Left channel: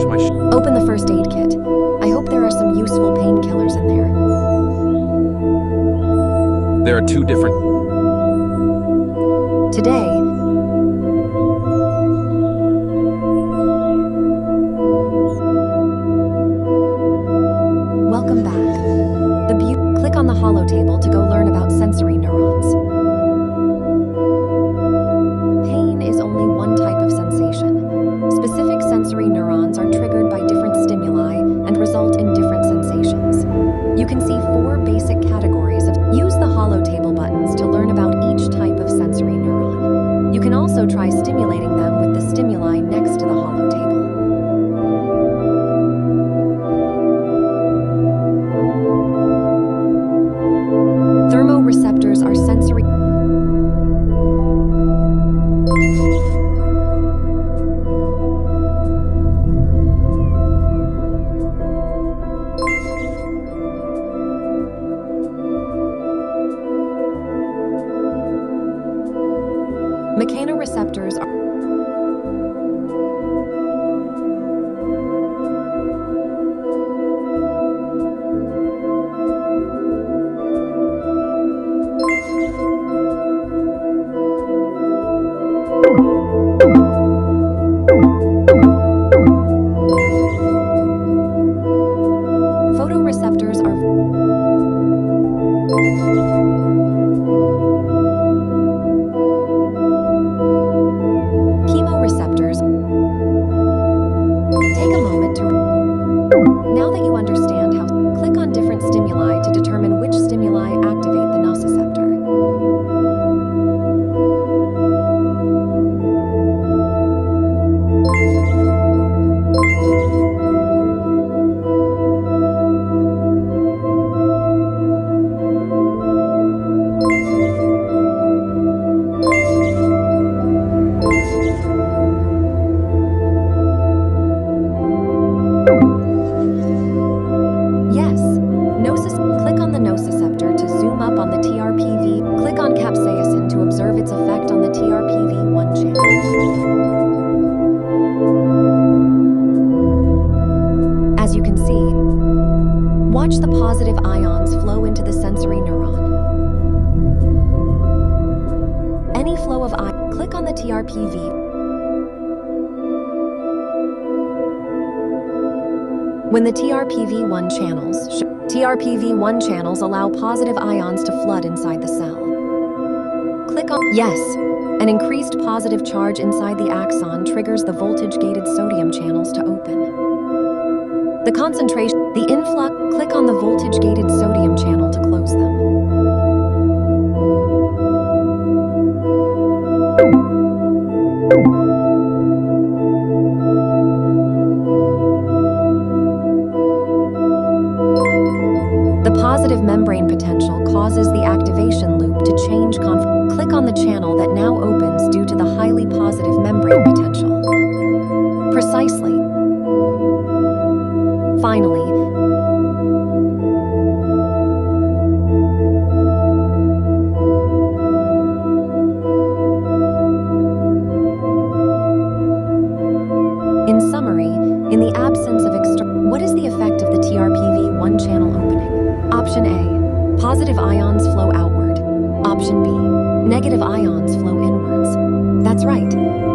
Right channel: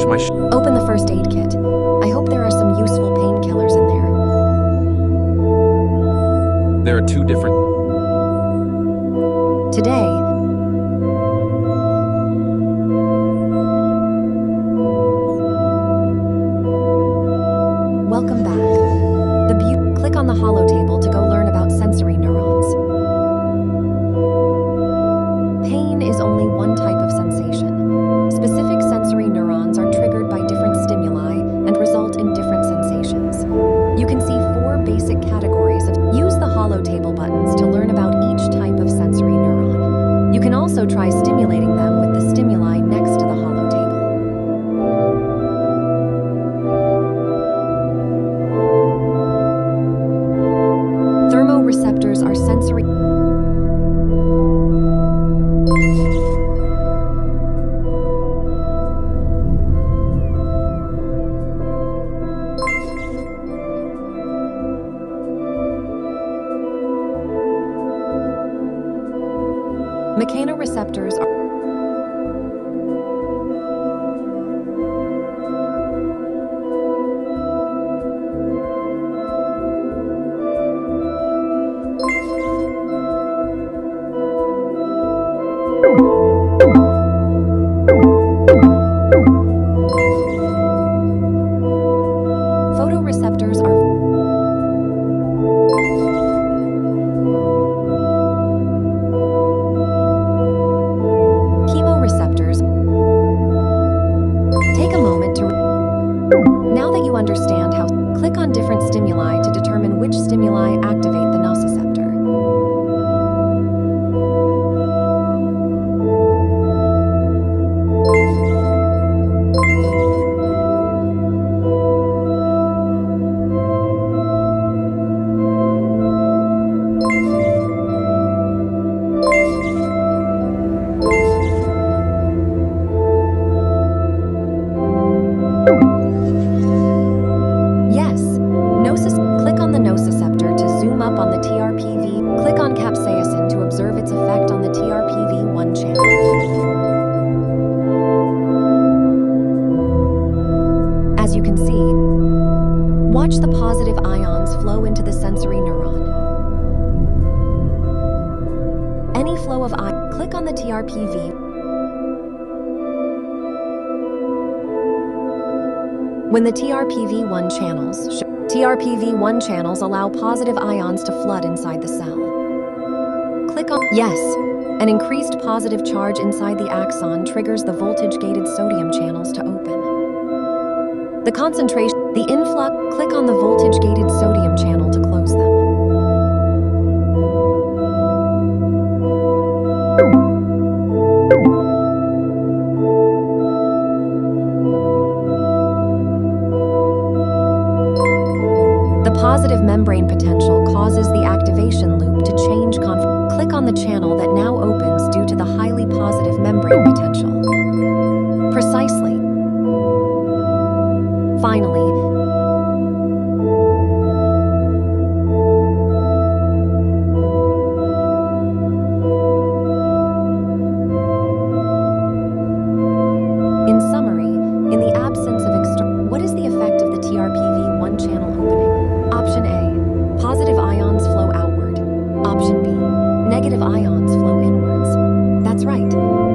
Ouch, my Open the first aid kit. I hope there are some useful painkillers in there. There are two different... Today, welcome back. Click on the holotable to go learn about sensory neurons. Pain is only one type of sensation. Specific sensory neurons are triggered by different stimuli and result in different sensations. You can see 4 basic categories of... Use the holotable buttons to learn about each type of sensory neuron. You can also try stimulating them with the stimuli next to the holotable. Thermoreceptors are sensory... Mechanoreceptors are... Photoreceptors are... Chemoreceptors. Take a moment to... Now that you understand how... Click on different stimuli to determine which stimuli activate the nociceptor. Yes, click on the nociceptor to zoom up on the TRPV. Click on capsaicin to observe its effect on the TRPV1 channel. As you can see, watch the positive ions flow into the sensory neuron. Any flow of ions, click on the TRPV. When the TRPV1 channels allow positive ions to flood inside the cell. Click on... Yes, an increased positive charge inside the axon triggers the voltage-gated sodium channels to open. The concentration... The influx... Click on the voltage-gated sodium channel to close them. The positive membrane potential causes the activation loop to change Click on the channel that now opens due to the highly positive membrane potential. Precisely. Finally, in summary, in the absence of what is the effect of the TRPV1 channel opening? Option A, positive ions flow outward. Option B, negative ions flow inwards. That's right,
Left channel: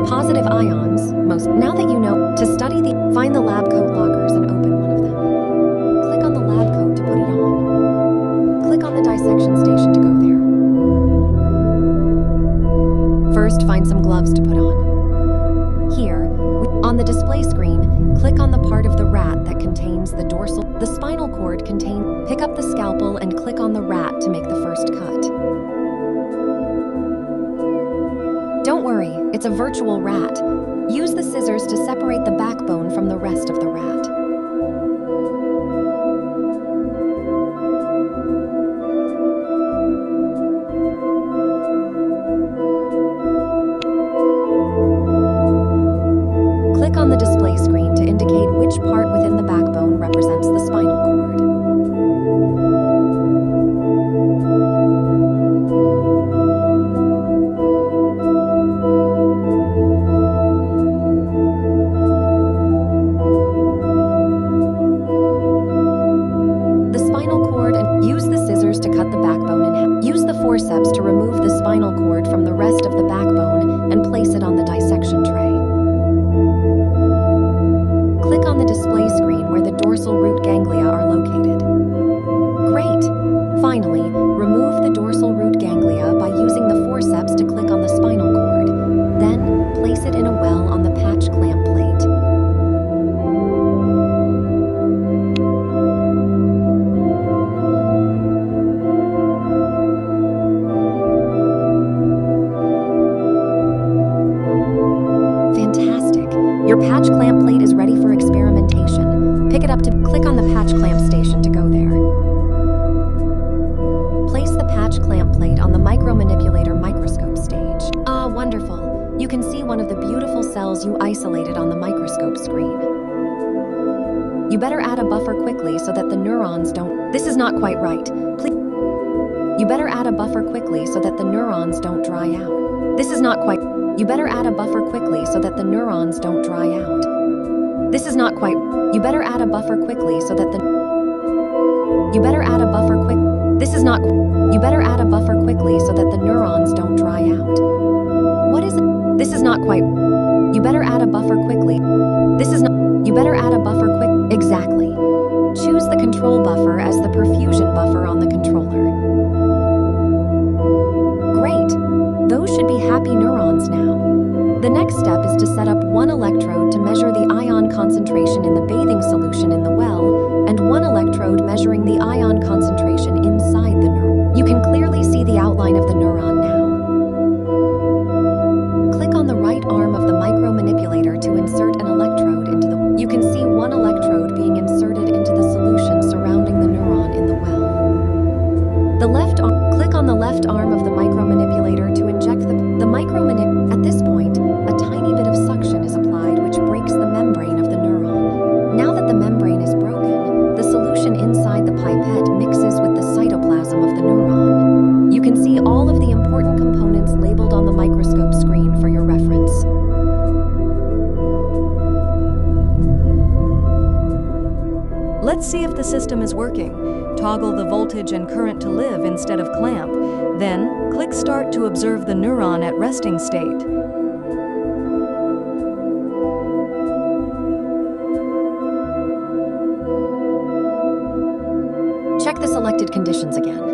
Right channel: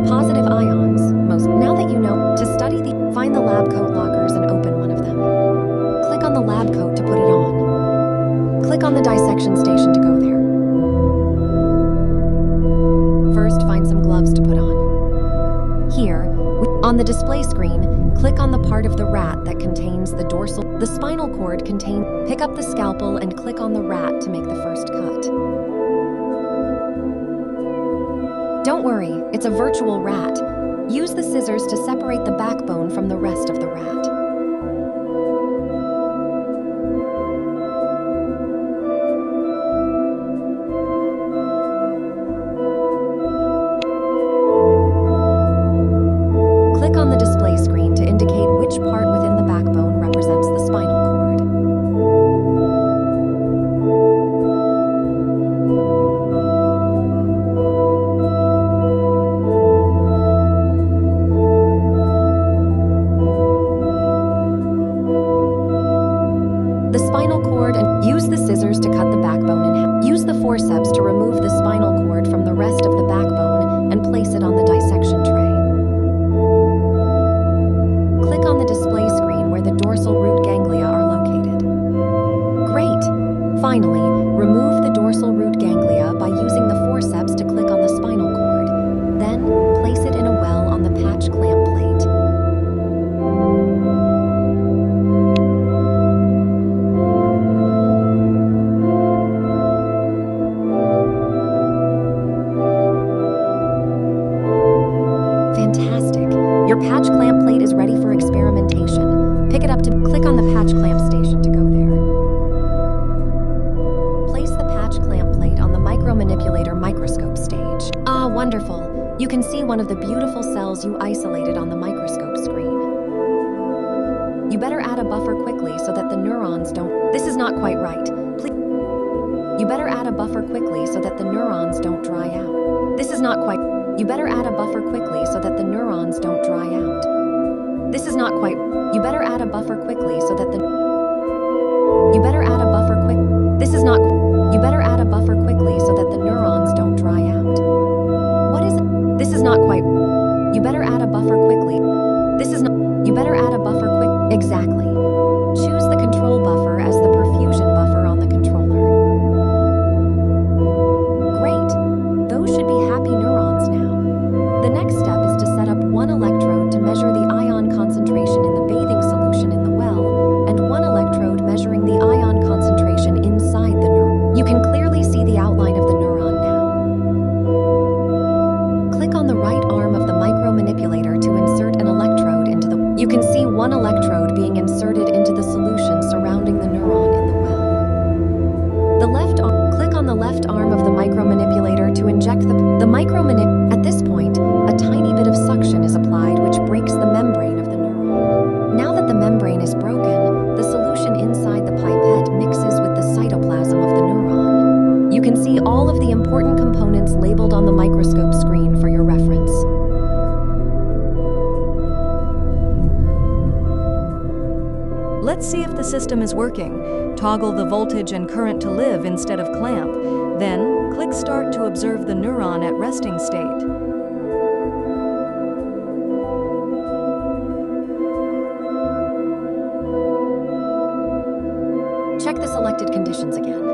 positive ions, now that you know, to study find the lab coat lockers and open one of them. Click on the lab coat to put it on. Click on the dissection station to go there. First, find some gloves to put on. Here, on the display screen, click on the part of the rat that contains the dorsal... The spinal cord Pick up the scalpel and click on the rat to make the first cut. Don't worry, it's a virtual rat. Use the scissors to separate the backbone from the rest of the rat. Click on the display screen to indicate which part within the backbone represents the spinal cord. rest of the backbone and place it on the dissection tray. Click on the display screen where the dorsal root ganglia are located. Great! Finally, remove the dorsal root ganglia by using the forceps to click on the spinal cord. Then, place it in a well on the patch clamp plate. Fantastic! Your patch clamp plate is ready for experimentation. Pick it up to click on the patch clamp station to go there. Place the patch clamp plate on the micromanipulator microscope stage. Ah, wonderful! You can see one of the beautiful cells you isolated on the microscope screen. You better add a buffer quickly so that the neurons don't... This is not quite right. Please... You better add a buffer quickly so that the neurons don't dry out. This is not quite... You better add a buffer quickly so that the neurons don't dry out. This is not quite... You better add a buffer quickly so that the... You better add a buffer quick... This is not... You better add a buffer quickly so that the neurons don't dry out. What is it? This is not quite... You better add a buffer quickly. This is not... You better add a buffer quick... Exactly. Choose the control buffer as the perfusion buffer on the controller. Great. Those should be happy neurons now. The next step is to set up one electrode to measure the ion concentration in the bathing solution in the well, and one electrode measuring the ion concentration inside the neuron. You can clearly see the outline of the neuron now. Click on the right arm of the micromanipulator to insert an electrode into the... You can see one electrode being inserted into the solution surrounding the neuron in the well. Click on the left arm of the micromanipulator to inject the micromanip. At this point, a tiny bit of suction is applied which breaks the membrane of the neuron. Now that the membrane is broken, the solution inside the pipette mixes with the cytoplasm of the neuron. You can see all of the important components labeled on the microscope screen for your reference. Let's see if the system is working. Toggle the voltage and current to live instead of clamp. Then, click Start to observe the neuron at resting state. Check the selected conditions again.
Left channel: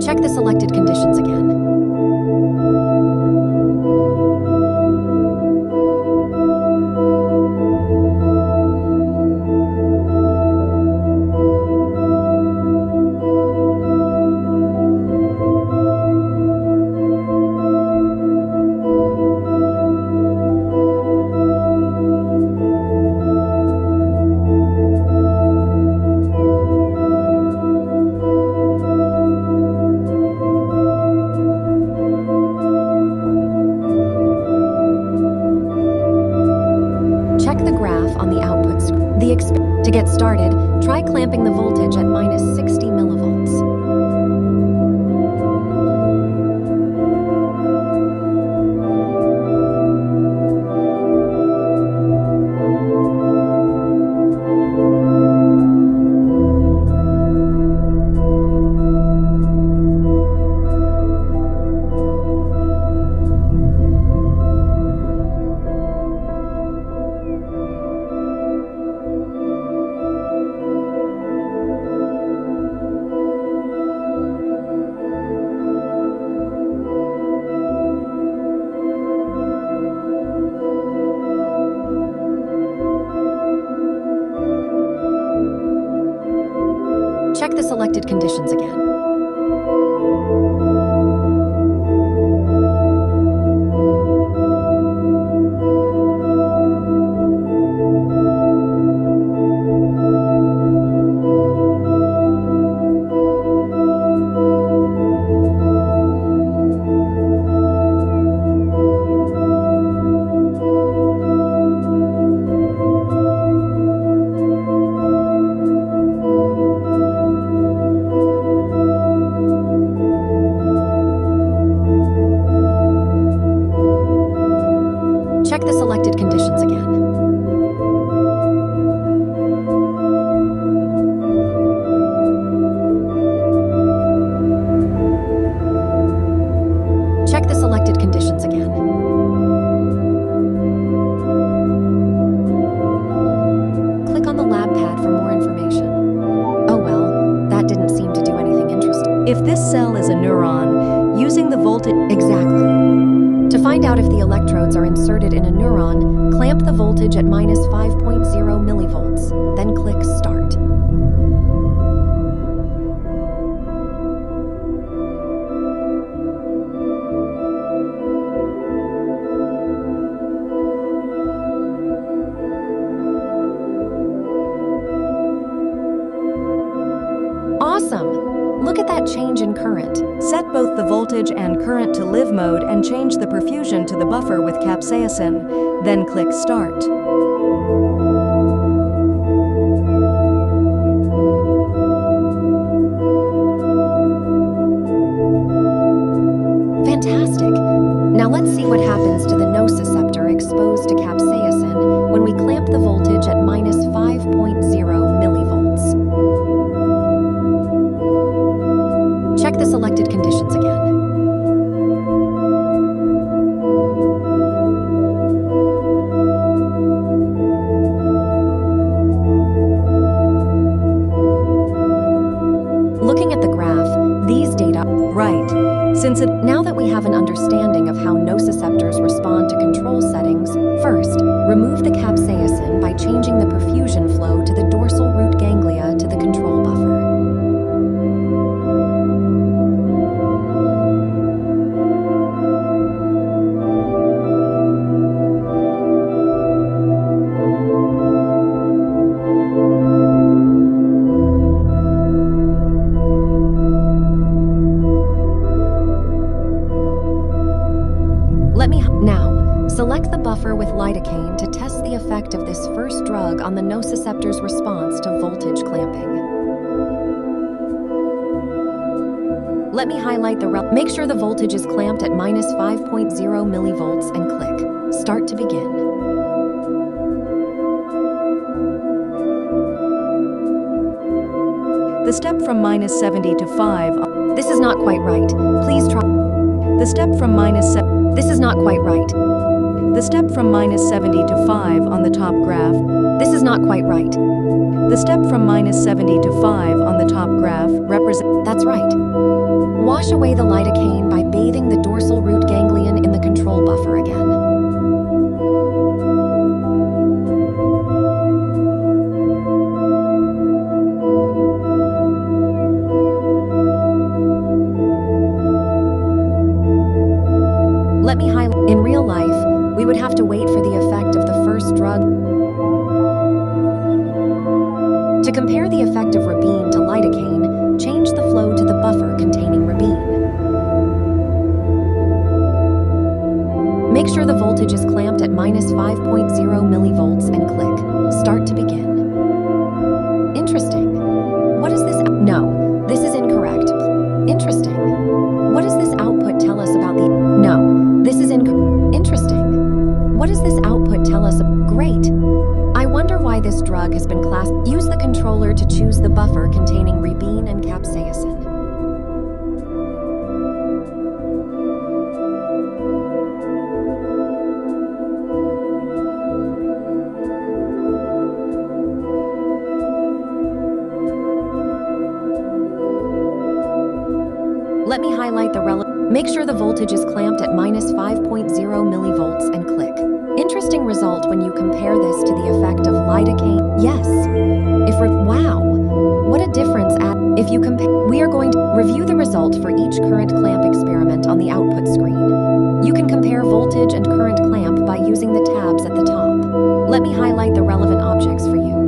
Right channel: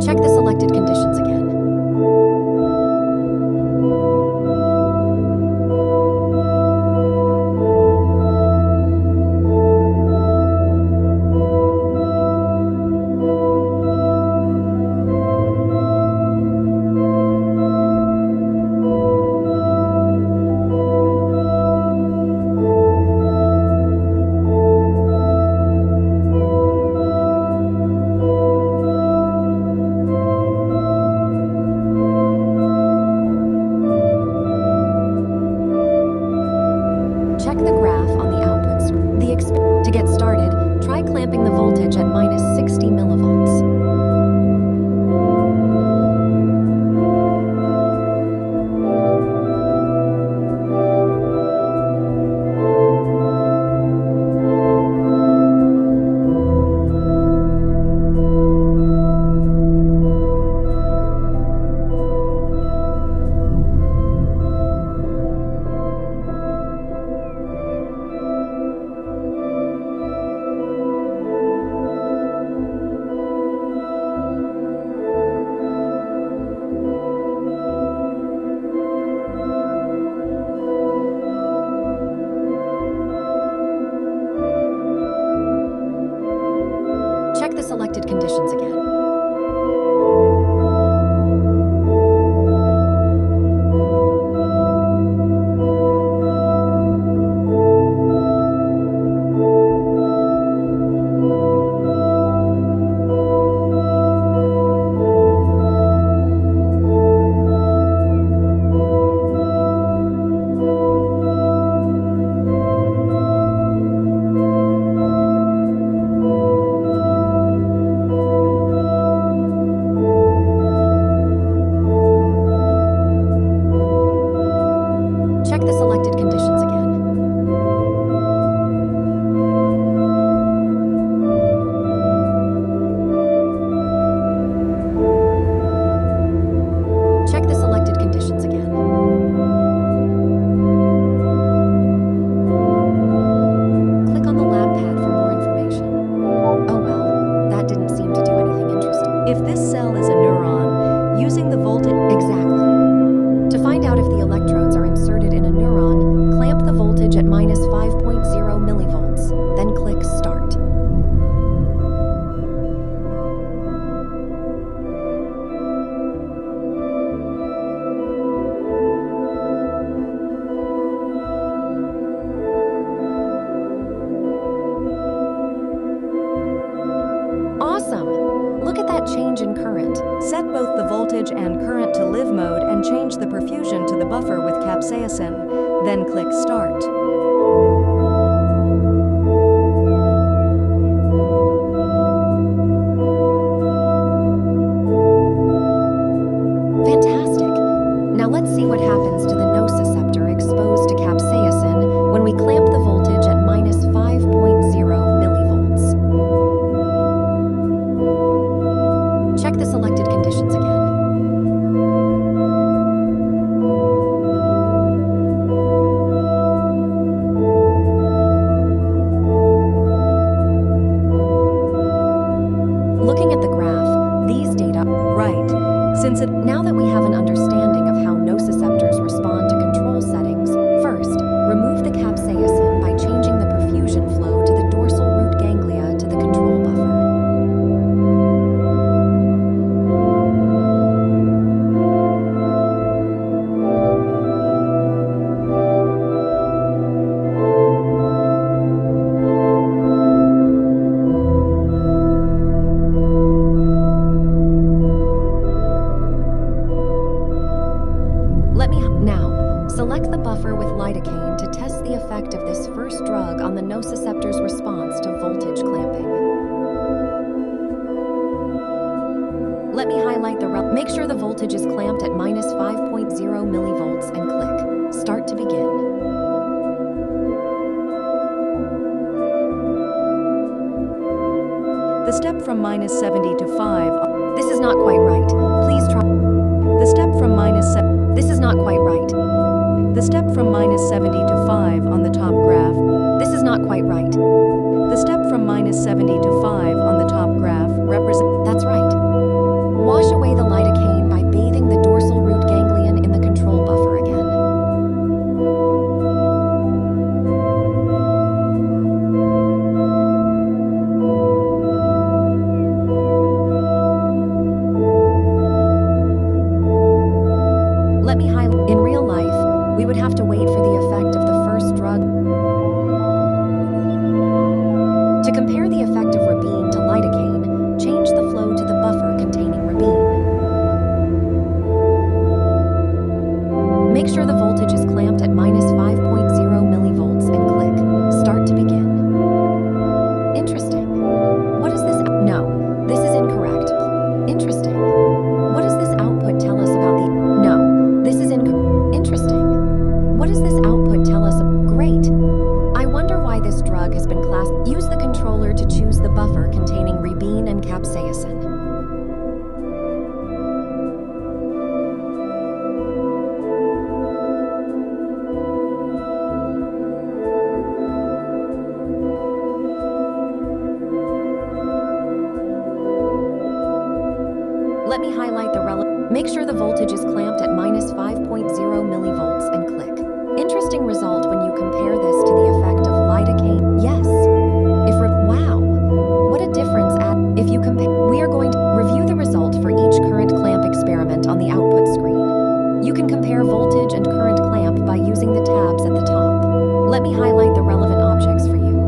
Check the selected conditions again. Check the graph on the output screen. To get started, try clamping the voltage at -60 millivolts. Check the selected conditions again. selected conditions again. Check the selected conditions again. Click on the lab pad for more information. Oh well, that didn't seem to do anything interesting. If this cell is a neuron, using the voltage... Exactly. To find out if the electrodes are inserted in a neuron, clamp the voltage at minus 5.0 millivolts, then click Start. Awesome! Look at that change in current. Set both the voltage and current to live mode and change the perfusion to the buffer with capsaicin. Then click Start. Fantastic! Now let's see what happens to the nociceptor exposed to capsaicin when we clamp the voltage at minus 5.0 millivolts. Check the selected conditions again. Looking at the graph, these data... Right. Now that we have an understanding of how nociceptors respond to control settings, first, remove the capsaicin by changing the perfusion flow to the dorsal root ganglia to the control buffer. Now, select the buffer with lidocaine to test the effect of this first drug on the nociceptor's response to voltage clamping. Let me highlight make sure the voltage is clamped at minus 5.0 millivolts and click Start to begin. The step from minus 70 to 5... This is not quite right. Please try... The step from minus... This is not quite right. The step from minus 70 to 5 on the top graph. This is not quite right. The step from minus 70 to 5 on the top graph represents... That's right. Wash away the lidocaine by bathing the dorsal root ganglion in the control buffer again. Let me highlight. In real life, we would have to wait for the effect of the first drug. To compare the effect of rabine to lidocaine, change the flow to the buffer containing rabine. Make sure the voltage is clamped at minus 5.0 millivolts and click Start to begin. Interesting. What is this? No, this is incorrect. Interesting. What does this output tell us about the... No. This is interesting. What does this output tell us? Great. I wonder why this drug has been classed. Use the controller to choose the buffer containing rabine and capsaicin. Let me highlight the relevant. Make sure the voltage is clamped at minus 5.0 millivolts and click. Interesting result when you compare this to the effect of lidocaine. Yes. Wow. What a difference if you compare. We are going to review the result for each current clamp experiment on the output screen. You can compare voltage and current clamp by using the tabs at the top. Let me highlight the relevant objects for you.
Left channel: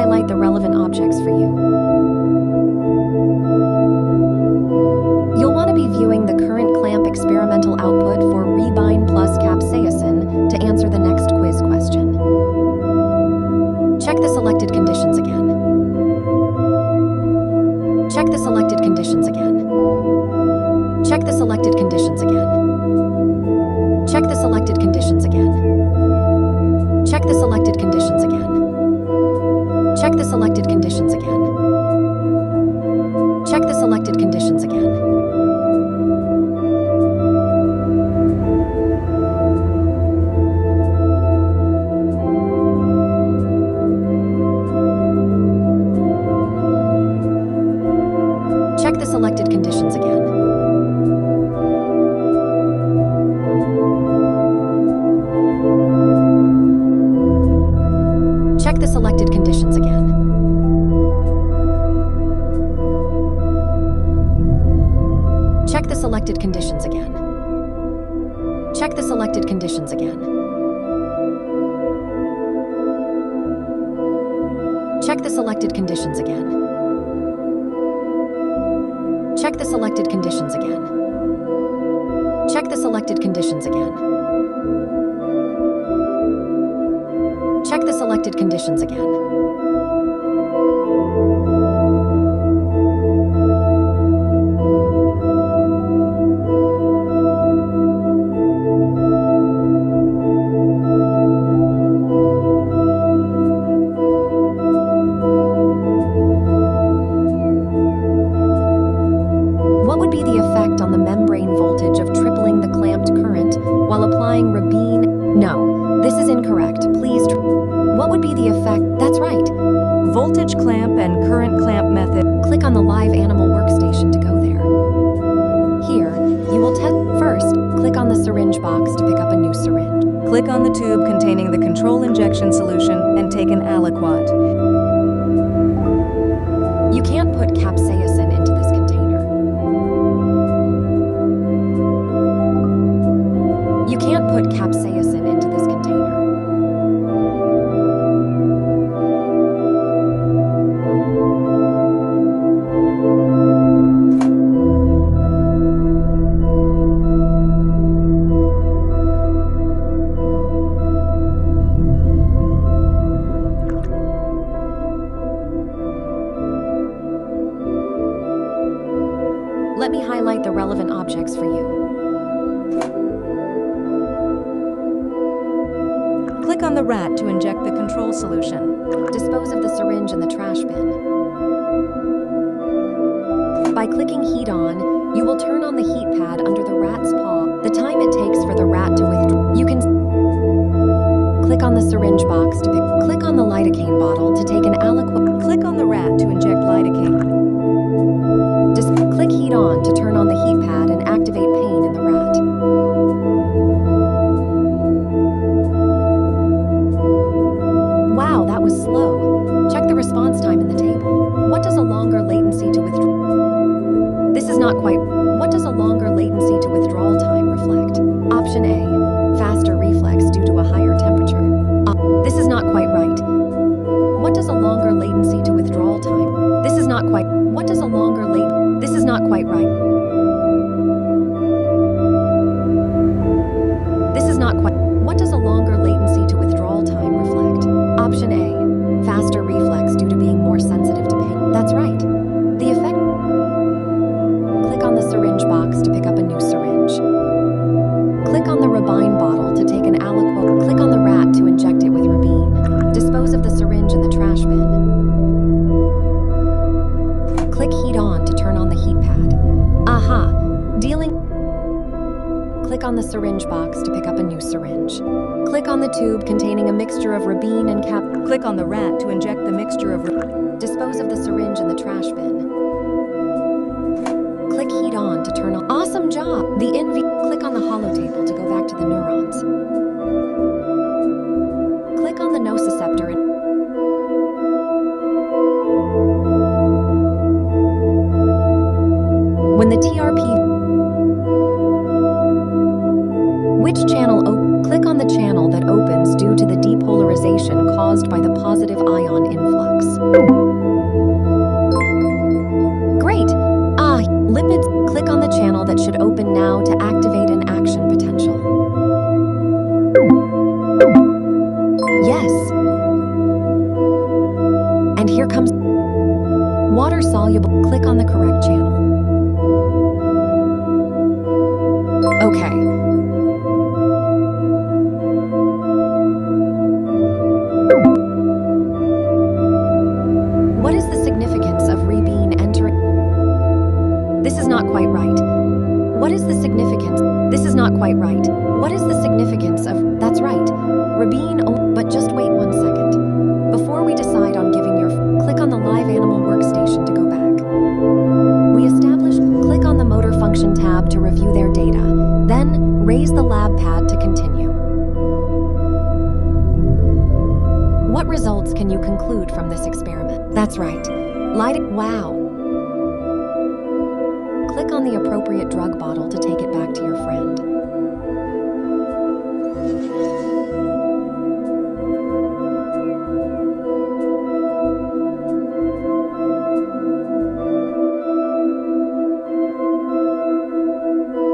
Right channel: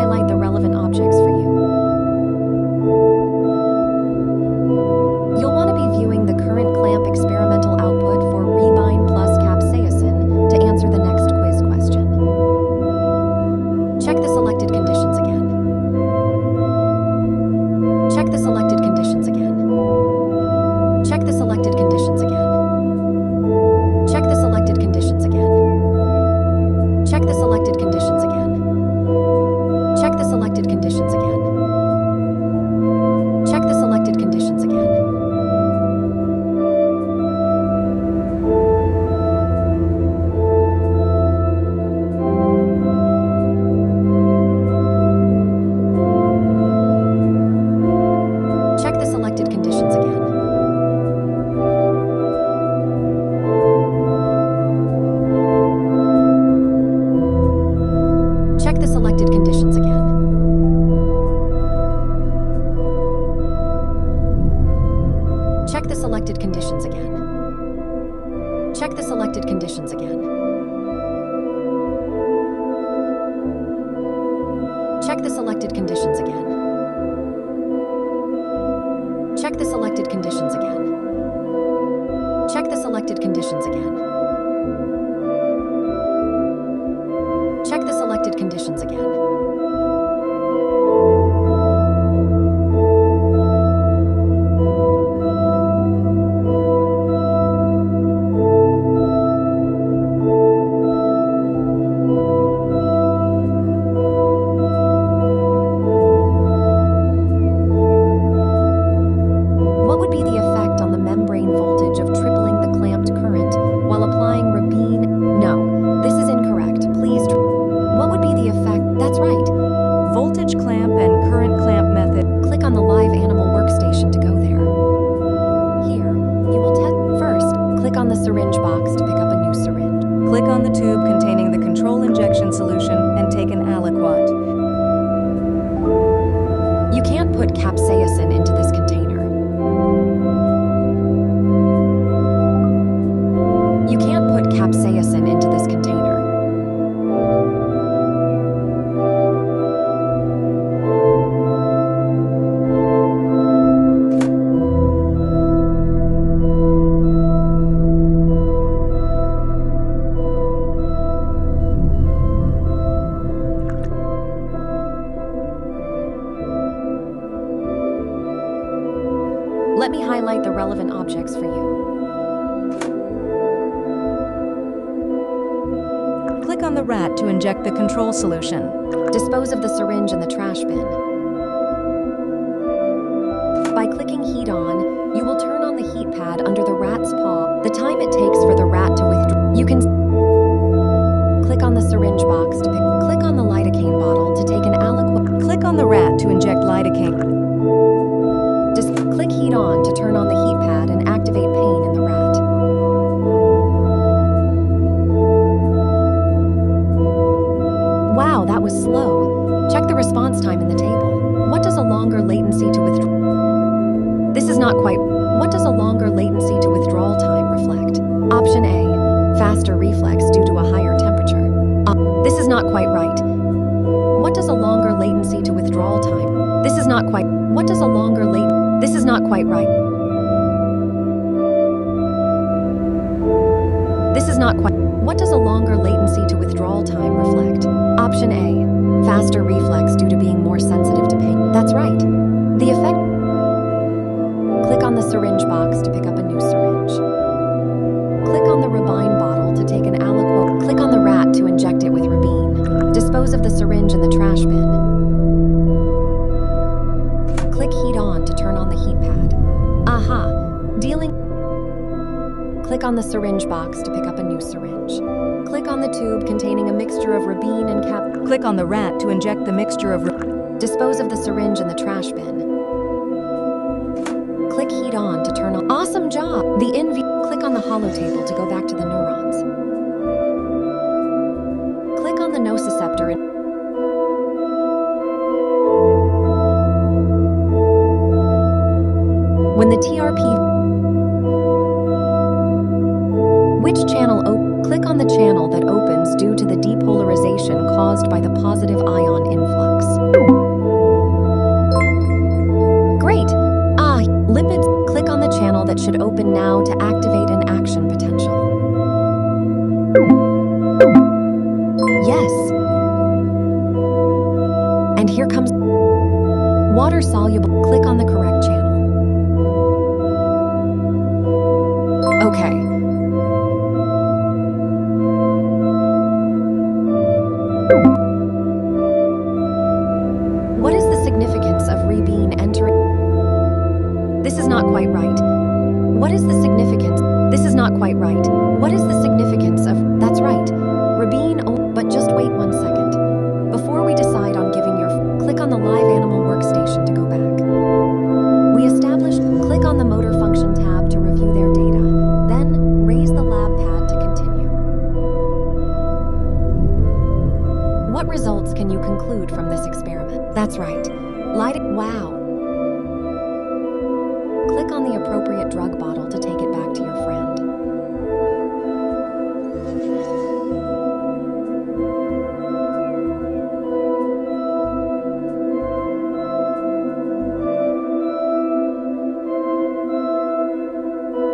highlight the relevant objects for you. You'll want to be viewing the current clamp experimental output for Rebine plus capsaicin to answer the next quiz question. Check the selected conditions again. Check the selected conditions again. Check the selected conditions again. Check the selected conditions again. Check the selected conditions again. Check the selected conditions again. Check the selected conditions again. Check the selected conditions again. Check the selected conditions again. Check the selected conditions again. Check the selected conditions again. Check the selected conditions again. Check the selected conditions again. Check the selected conditions again. Check the selected conditions again. What would be the effect on the membrane voltage of tripling the clamped current while applying Rebine? No, this is incorrect. Please. What would be the effect? That's right. Voltage clamp and current clamp method. Click on the live animal workstation to go there. Here, you will test. First, click on the syringe box to pick up a new syringe. Click on the tube containing the control injection solution and take an aliquot. You can't put capsaicin into this container. You can't put capsaicin into this container. Let me highlight the relevant objects for you. Click on the rat to inject the control solution. Dispose of the syringe in the trash bin. By clicking heat on, you will turn on the heat pad under the rat's paw. The time it takes for the rat to withdraw. You can click on the syringe box to pick. Click on the lidocaine bottle to take an aliquot. Click on the rat to inject lidocaine. Just click heat on to turn on the heat pad and activate pain in the rat. Wow, that was slow. Check the response time in the table. What does a longer latency to withdraw? This is not quite. What does a longer latency to withdrawal time reflect? Option A, faster reflex due to a higher temperature. This is not quite right. What does a longer latency to withdrawal time? This is not quite. What does a longer This is not quite right. This is not quite. What does a longer latency to withdrawal time reflect? Option A, faster reflex due to being more sensitive to pain. That's right. The effect. Click on the syringe box to pick up a new syringe. Click on the Rebine bottle to take an aliquot. Click on the rat to inject it with Rebine. Dispose of the syringe in the trash bin. Click heat on to turn on the heat pad. Aha! Dealing. Click on the syringe box to pick up a new syringe. Click on the tube containing a mixture of Rebine and cap. Click on the rat to inject the mixture of. Dispose of the syringe in the trash bin. Click heat on to turn on. Awesome job! The Click on the holotable to go back to the neurons. Click on the nociceptor. When the TRP. Which channel click on the channel that opens due to the depolarization caused by the positive ion influx. pad should open now to activate an action potential. Yes. And here comes water soluble. Click on the correct channel. Okay. What is the significance of Rebeen entering? This is not quite right. What is the significance? This is not quite right. What is the significance of? That's right. Rebeen, but just wait 1 second. Before we decide on giving your, click on the live animal workstation to go back. We established, click on the motor function tab to review their data. Then, raise the lab pad to continue. What results can you conclude from this experiment? That's right. Wow. Click on the appropriate drug bottle to take it back to your friend.